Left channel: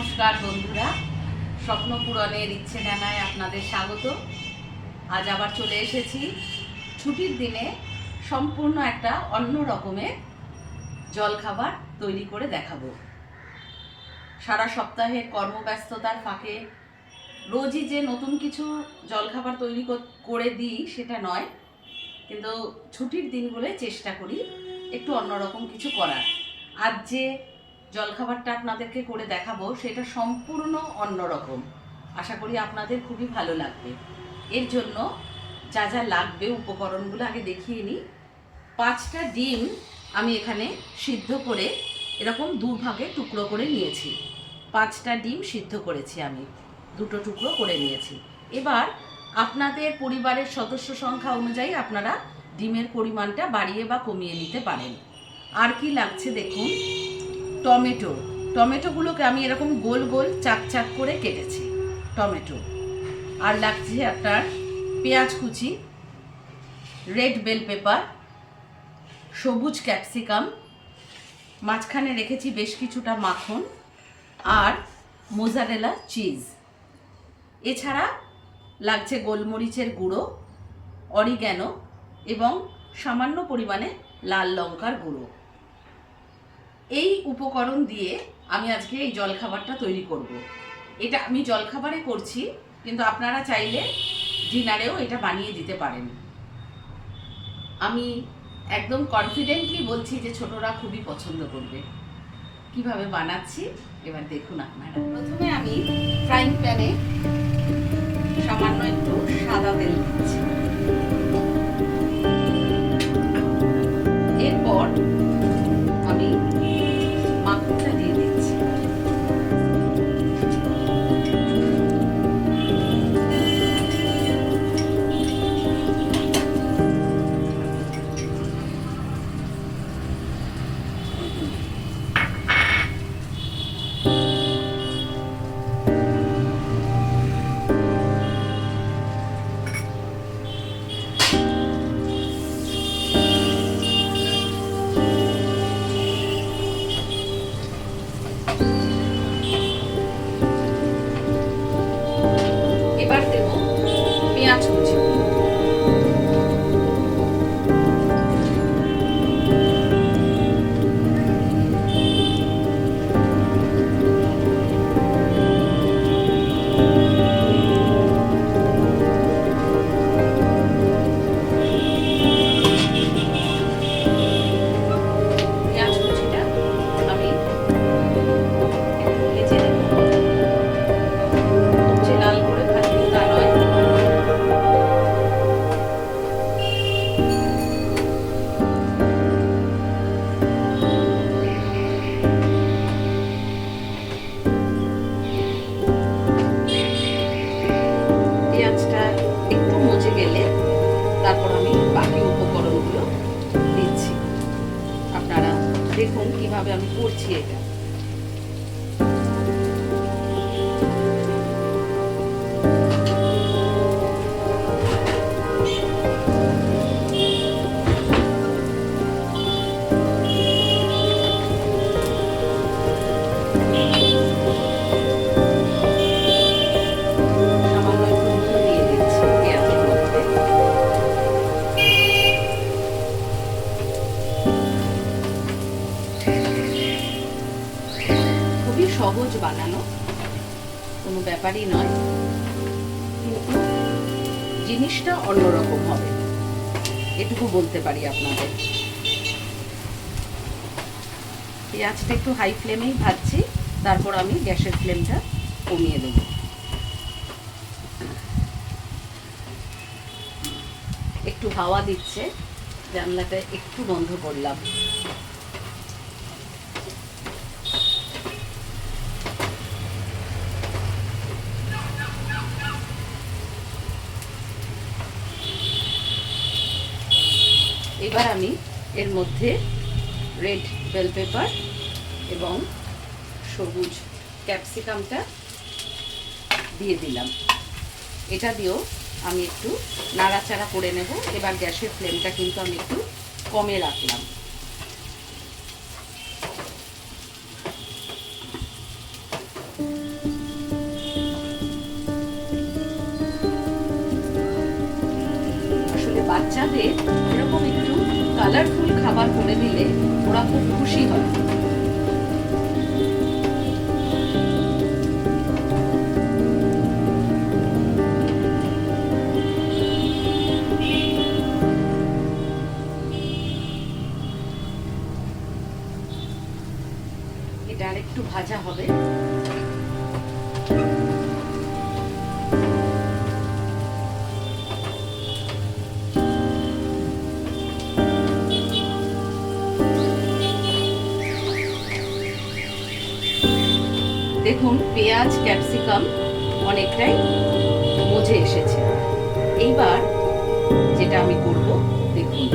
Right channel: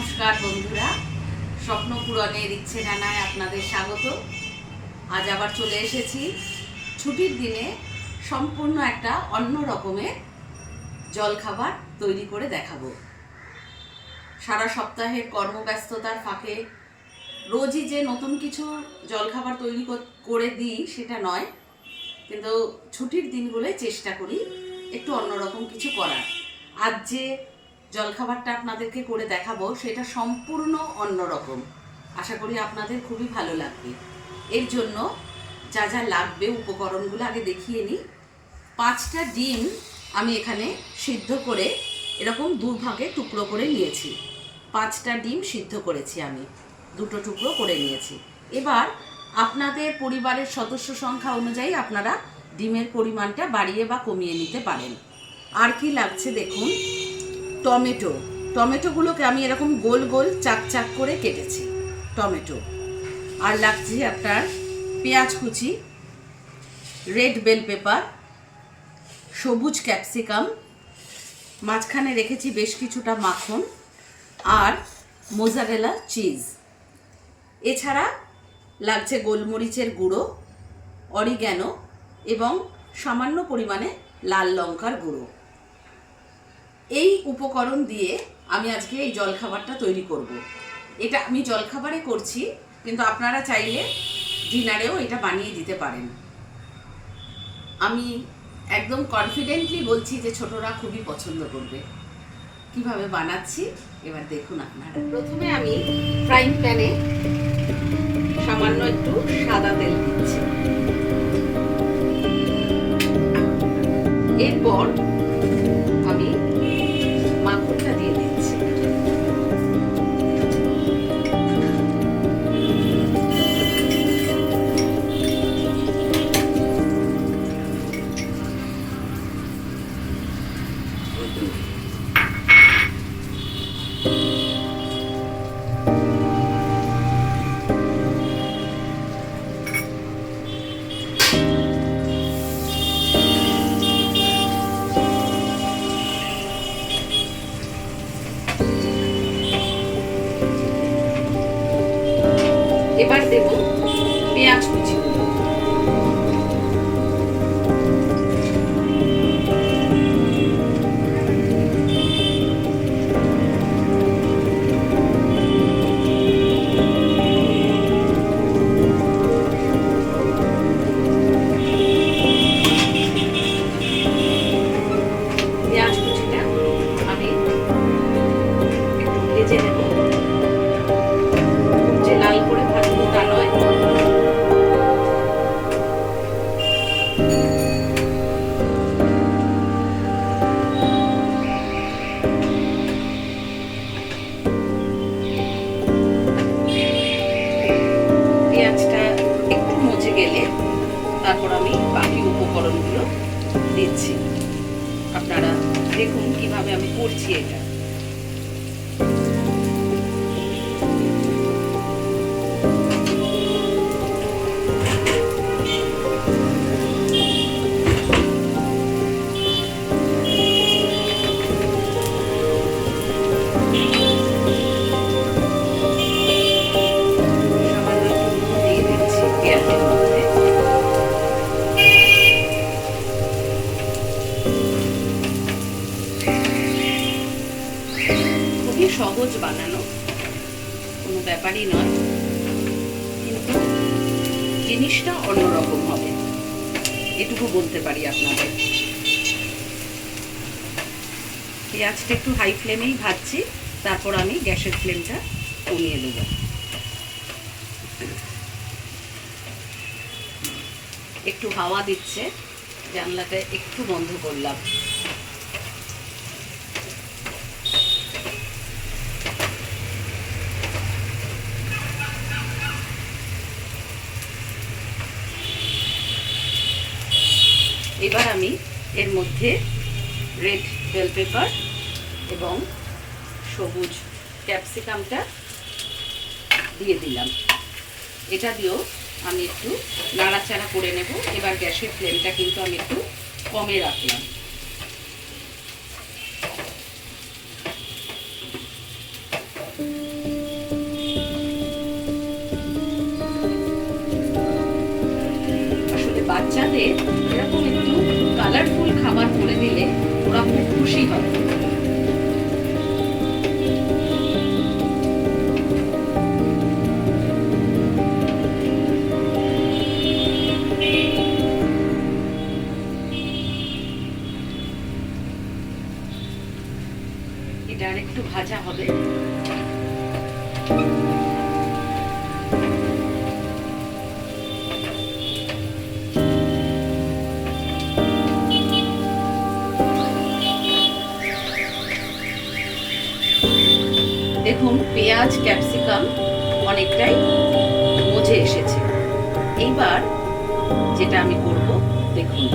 নমস্কার বন্ধুরা, স্বপ্ন পূরণের ইচ্ছে ডানায় আপনাদের স্বাগত। আজ আবার চলে এসেছি ছুটির দিনে সম্পূর্ণ একটা অন্য রকমের জলখাবার তৈরি করে দেখাবো। সারা সপ্তাহের কর্মব্যস্ততার ফাঁকে রোজই যে নতুন কিছু জলখাবার তৈরি করে দিই সেটা নয়, কিন্তু ছুটির দিনগুলোয় চেষ্টা করি একটু অন্যরকম কিছু করার। আজ যে জলখাবারটা আপনাদেরকে করে দেখাবো সেটা সম্পূর্ণ অন্যরকম। আশা করি আপনাদের খুবই ভালো লাগবে। এর জন্য যা যা লাগবে উপকরণগুলো আগে দেখিয়ে নিই। 5টা ডিম আমি এখানে সিদ্ধ করে এরকম দুভাগে টুকরো করে নিয়েছি। 5টা ডিম সিদ্ধ করেছি, আমি 2টো টুকরো করে নিয়েছি। এবার আপনাদের পরিবারের সদস্য সংখ্যা অনুযায়ী আপনারা ডিমের পরিমাণটা বাড়িয়ে বা কমিয়ে নিতে পারেন। আর কি লাগছে দেখুন, টমেটোগুলোকে আমি এরকম গোল গোল চাক চাক করে কেটেছি টমেটো। আর লাগছে আপনার পেঁয়াজ কুচি, রেড বেল পেপার, সবুজ ক্যাপসিকাম, মাঝখানে রেখেছি বেশ কিছুটা মাখন আর মোজারেলা চিজ। এছাড়া লাগছে গোলমরিচের গুঁড়ো, অরিগ্যানো এবং সামান্য পরিমাণে লাল লঙ্কার গুঁড়ো। এই উপকরণ দিয়ে আমি আজকে এই জলখাবারটা তৈরি করব। এটা আমি জলখাবারে করছি, কিন্তু আপনারা চাইলে ডিনারেও এটা বানিয়ে দিতে পারেন। আমি একদম কনফিডেন্টলি বলছি যে ছোটরা খুবই পছন্দ করবে। কিভাবে বানাচ্ছি এবার দেখুন আপনারা। প্রথমে আমি ফ্রাইং প্যানে সামান্য একটু সাদা তেল দিচ্ছি। এরপর আমি মাখনটা দিয়ে দিচ্ছি। এবার দেব পেঁয়াজ কুচি। পেঁয়াজ কুচিটা আমি একটু ভেজে নেব, খুব যে লাল করে ভাজবো তা নয়। পেঁয়াজটা একটু মজে গেলে তারপর আমি বাকি উপকরণগুলো দিচ্ছি। আপনারা দেখুন কিভাবে আমি করছি এটা। সহজ বানানো, কোনো ব্যাপারই নয়, কিন্তু জিনিসটা অন্যরকম হবে, এটুকু বলতে পারি আপনাদের। পেঁয়াজটা একটু হাই ফ্লেমেই ভাজছি, তারপর আমি গ্যাসের ফ্লেমটা কমিয়ে দেব। একটু হাওয়া দিচ্ছে, জানলাটা একটু বন্ধ করলাম। এবার আমি এর মধ্যে রেড বেল পেপার এবং সবুজ ক্যাপসিকামটা দিয়ে দিলাম। এটা দিয়েও আমি একটু নাড়াচাড়া করে নেব। এবার গ্যাসের ফ্লেমটা কিন্তু আমি একটু কমে রাখলাম। বাচ্চাদের এরকম একটু কালারফুল খাবার করে দিলে ওরা খুব খুশি হয়। এটা আর একটু ভাজা হবে। দেখুন পেঁয়াজ ক্যাপসিকাম অনেকটাই মজে এসেছে। এইবার যেটা আমি করব, দেখুন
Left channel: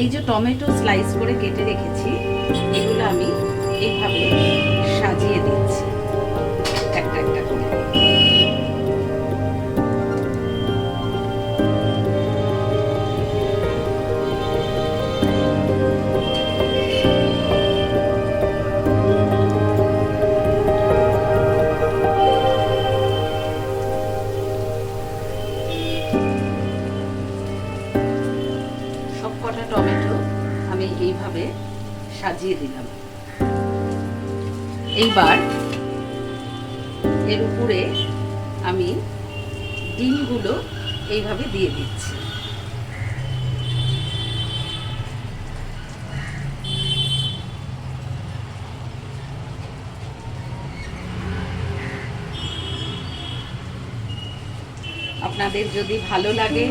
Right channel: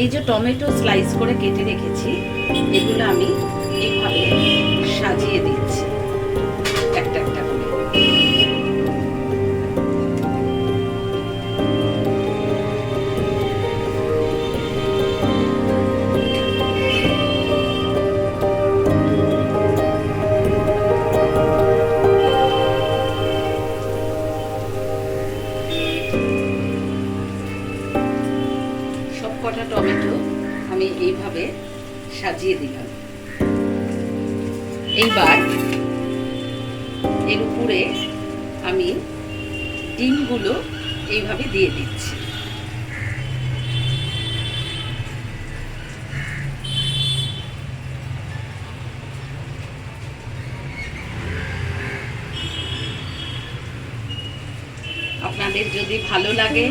এই যে টমেটো স্লাইস করে কেটে রেখেছি, এগুলো আমি এইভাবে সাজিয়ে দিচ্ছি একটা একটা করে। সবকটা টমেটো আমি এইভাবে সাজিয়ে দিলাম। এইবার এর উপরে আমি ডিমগুলো এইভাবে দিয়ে দিচ্ছি। আপনাদের যদি ভালো লাগে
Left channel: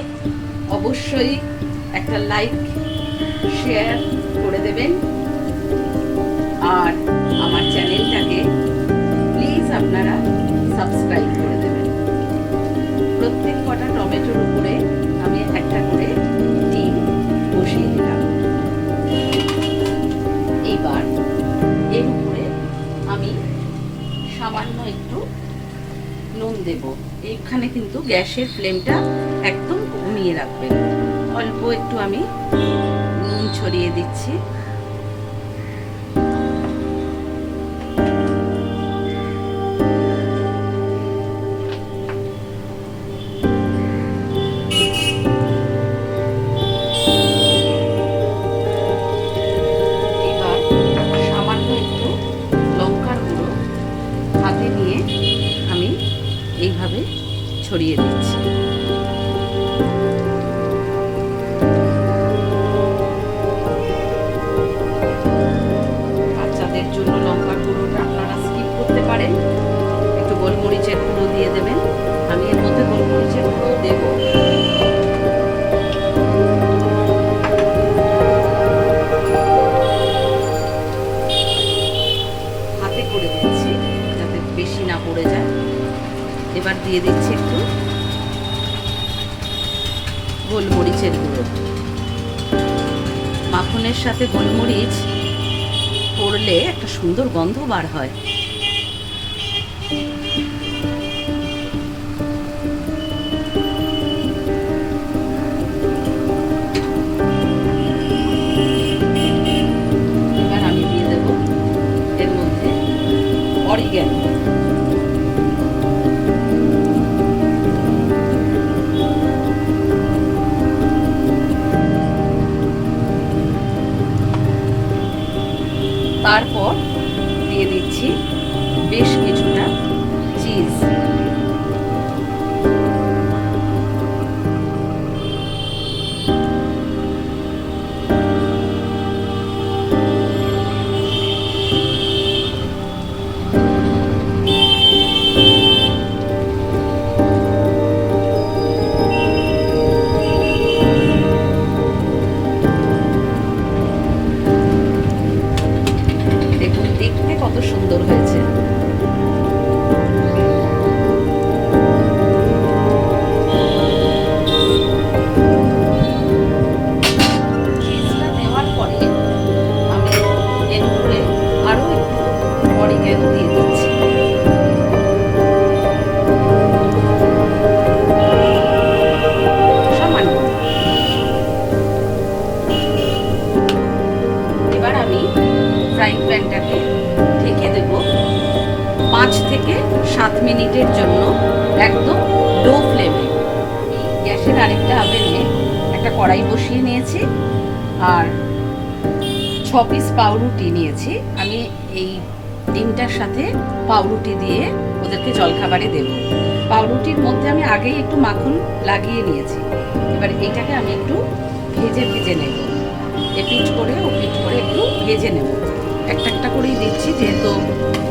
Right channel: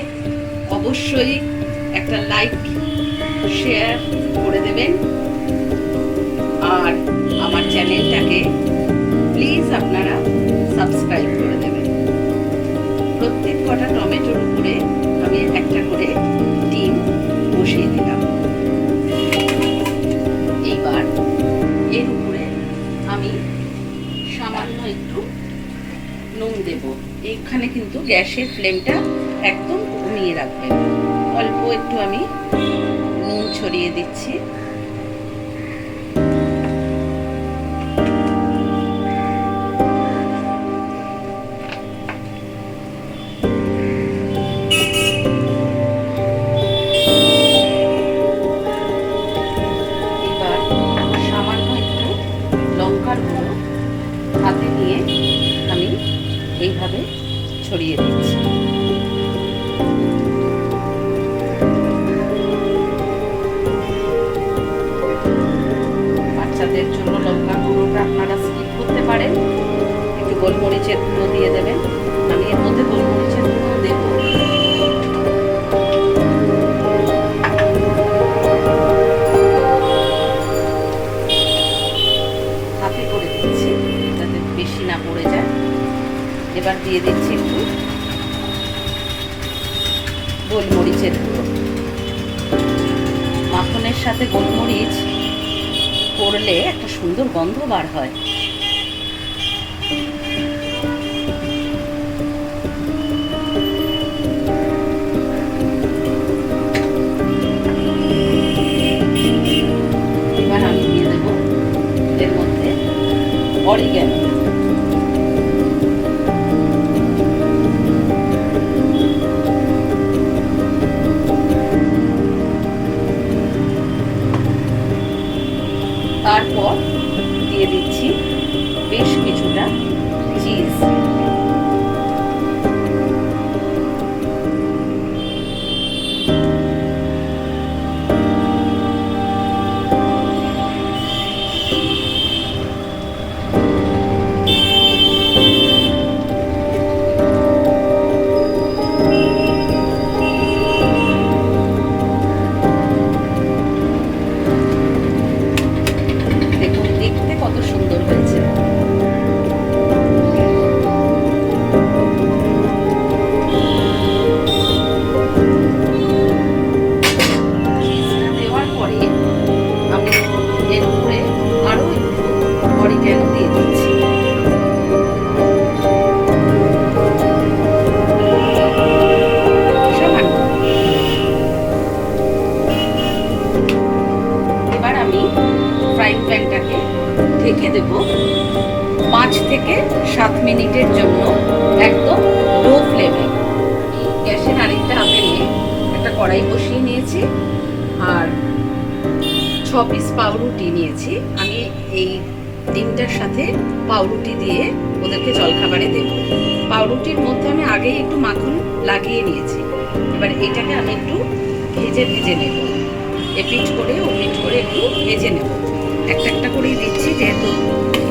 অবশ্যই একটা লাইক শেয়ার করে দেবেন, আর আমার চ্যানেলটাকে প্লিজ আপনারা সাবস্ক্রাইব করে দেবেন। প্রত্যেক কটা টমেটোর উপরে আমি একটা করে ডিম বসিয়ে দিলাম। এইবার এর উপরে আমি সামান্য একটু নুন দেব। এখানে কিন্তু গ্যাসের ফ্লেমটা একদম কমিয়ে রাখবেন। অল্প একটু আমি নুন ছড়িয়ে দিচ্ছি। এবার সামান্য একটু লঙ্কার গুঁড়ো হাতে নিয়ে আমি এইভাবে ছড়িয়ে দিচ্ছি। বাচ্চাদের জন্য লঙ্কার গুঁড়োটা আপনারা স্কিপ করতে পারেন, একটু গোলমরিচের গুঁড়ো দিয়ে দেবেন। আমি এর মধ্যে গোলমরিচের গুঁড়ো দেব। হাতে করে দিচ্ছি যাতে বেশি না পড়ে যায়। এবার দিয়ে দিচ্ছি একটু গোলমরিচের গুঁড়ো। মাখনের সাথে গোলমরিচ করলে একটা সুন্দর গন্ধ বার হয়। এবার আমি দিয়ে দেব এর মধ্যে অরিগ্যানো। তারপর দিয়ে দিচ্ছি বেশ কিছুটা চিজ। ঢেকে দেব 5 থেকে 7 মিনিটের জন্য একদম লো ফ্লেমে। গ্যাসের আরেকটা ওভেনে একটা কড়াই বসিয়ে নিয়েছি আর 6 পিস পাউরুটি নিয়েছি। আমি এই ডিমটার সাথে পাউরুটি দিয়ে ওদেরকে জলখাবারে দেব। পাউরুটির মধ্যে আমি আগেই একটু মাখন লাগিয়ে নিয়েছি। এবার এটাকে আমি একটু ভেজে ভেজে নেব, এপিট করে ওপিট করে একটু ভেজে নেব। একটা একটা করেই দিচ্ছি যেহেতু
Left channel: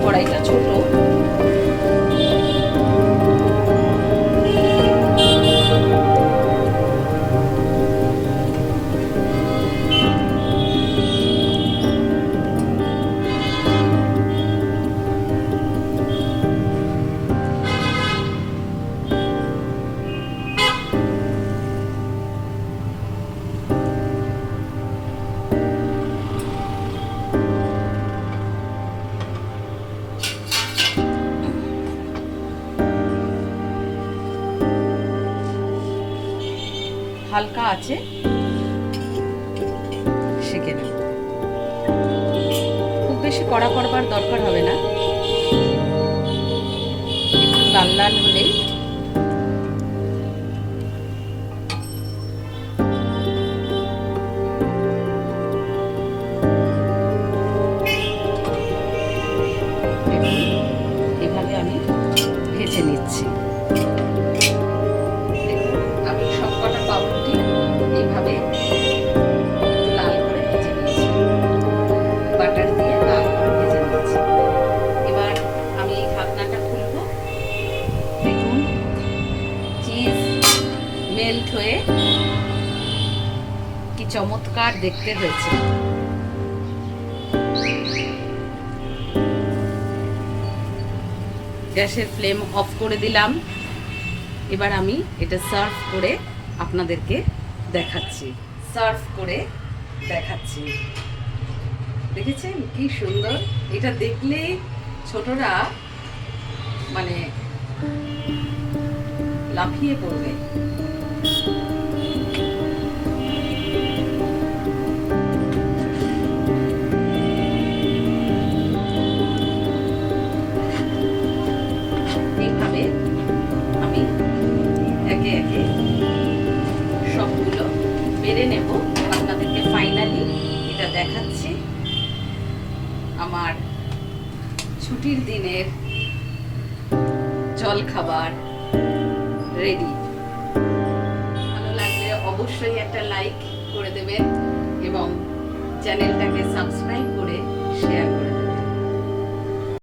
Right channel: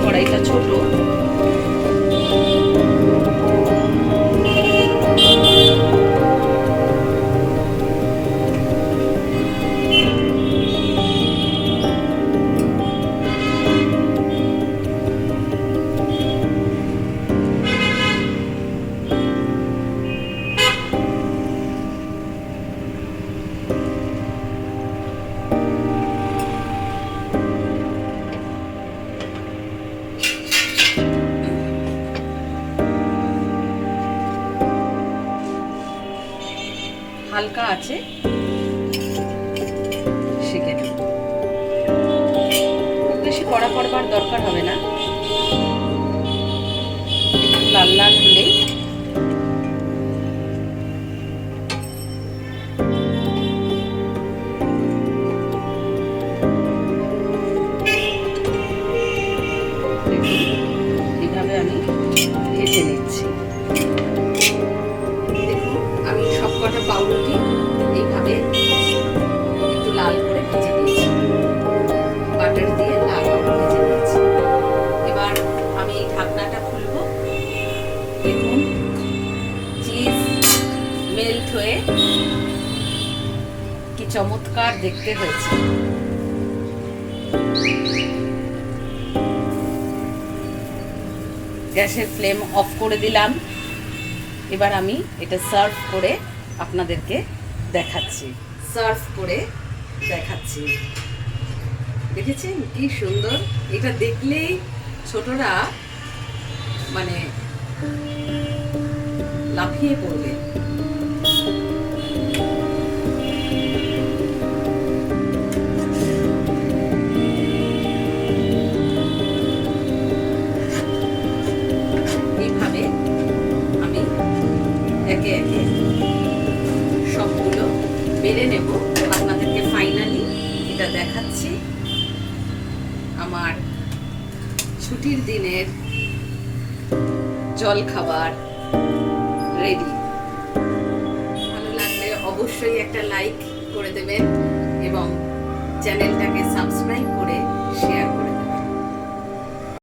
কড়াইটা ছোট। হালকা আছে শিখে নেব, খুব বেশি কড়া করবার দরকার হবে না, একটু লাল লাল হলেই এভাবে আমি ভেজে নিচ্ছি। দেখুন আমি সবকটা পাউরুটি এইভাবে একটু লাল করে ভেজে নিয়েছি, বাটার দিয়ে লাল করে ভেজে নিয়েছি। এবার আমি এই ঢাকনাটা খুলব। দেখুন চিজ মেল্ট হয়ে কি চমৎকার দেখতে হয়েছে। গ্যাসের ফ্লেম অফ করে দিলাম। এবার আমি এটা সার্ভ করে আপনাদেরকে দেখাচ্ছি। দেখেছেন কি সুন্দর, এটা দেখলেই ছোটরা মানে লাফিয়ে পড়বে। এইভাবে আমি একে একে সবগুলো বেড়ে নেব, আপনাদেরকে ফাইনালি এটা দেখাচ্ছি। আমার ছুটির দিনের জল খাবার রেডি। ভালো লাগলে অবশ্যই একটা লাইক করে দেবেন এবং চ্যানেলটাকে সাবস্ক্রাইব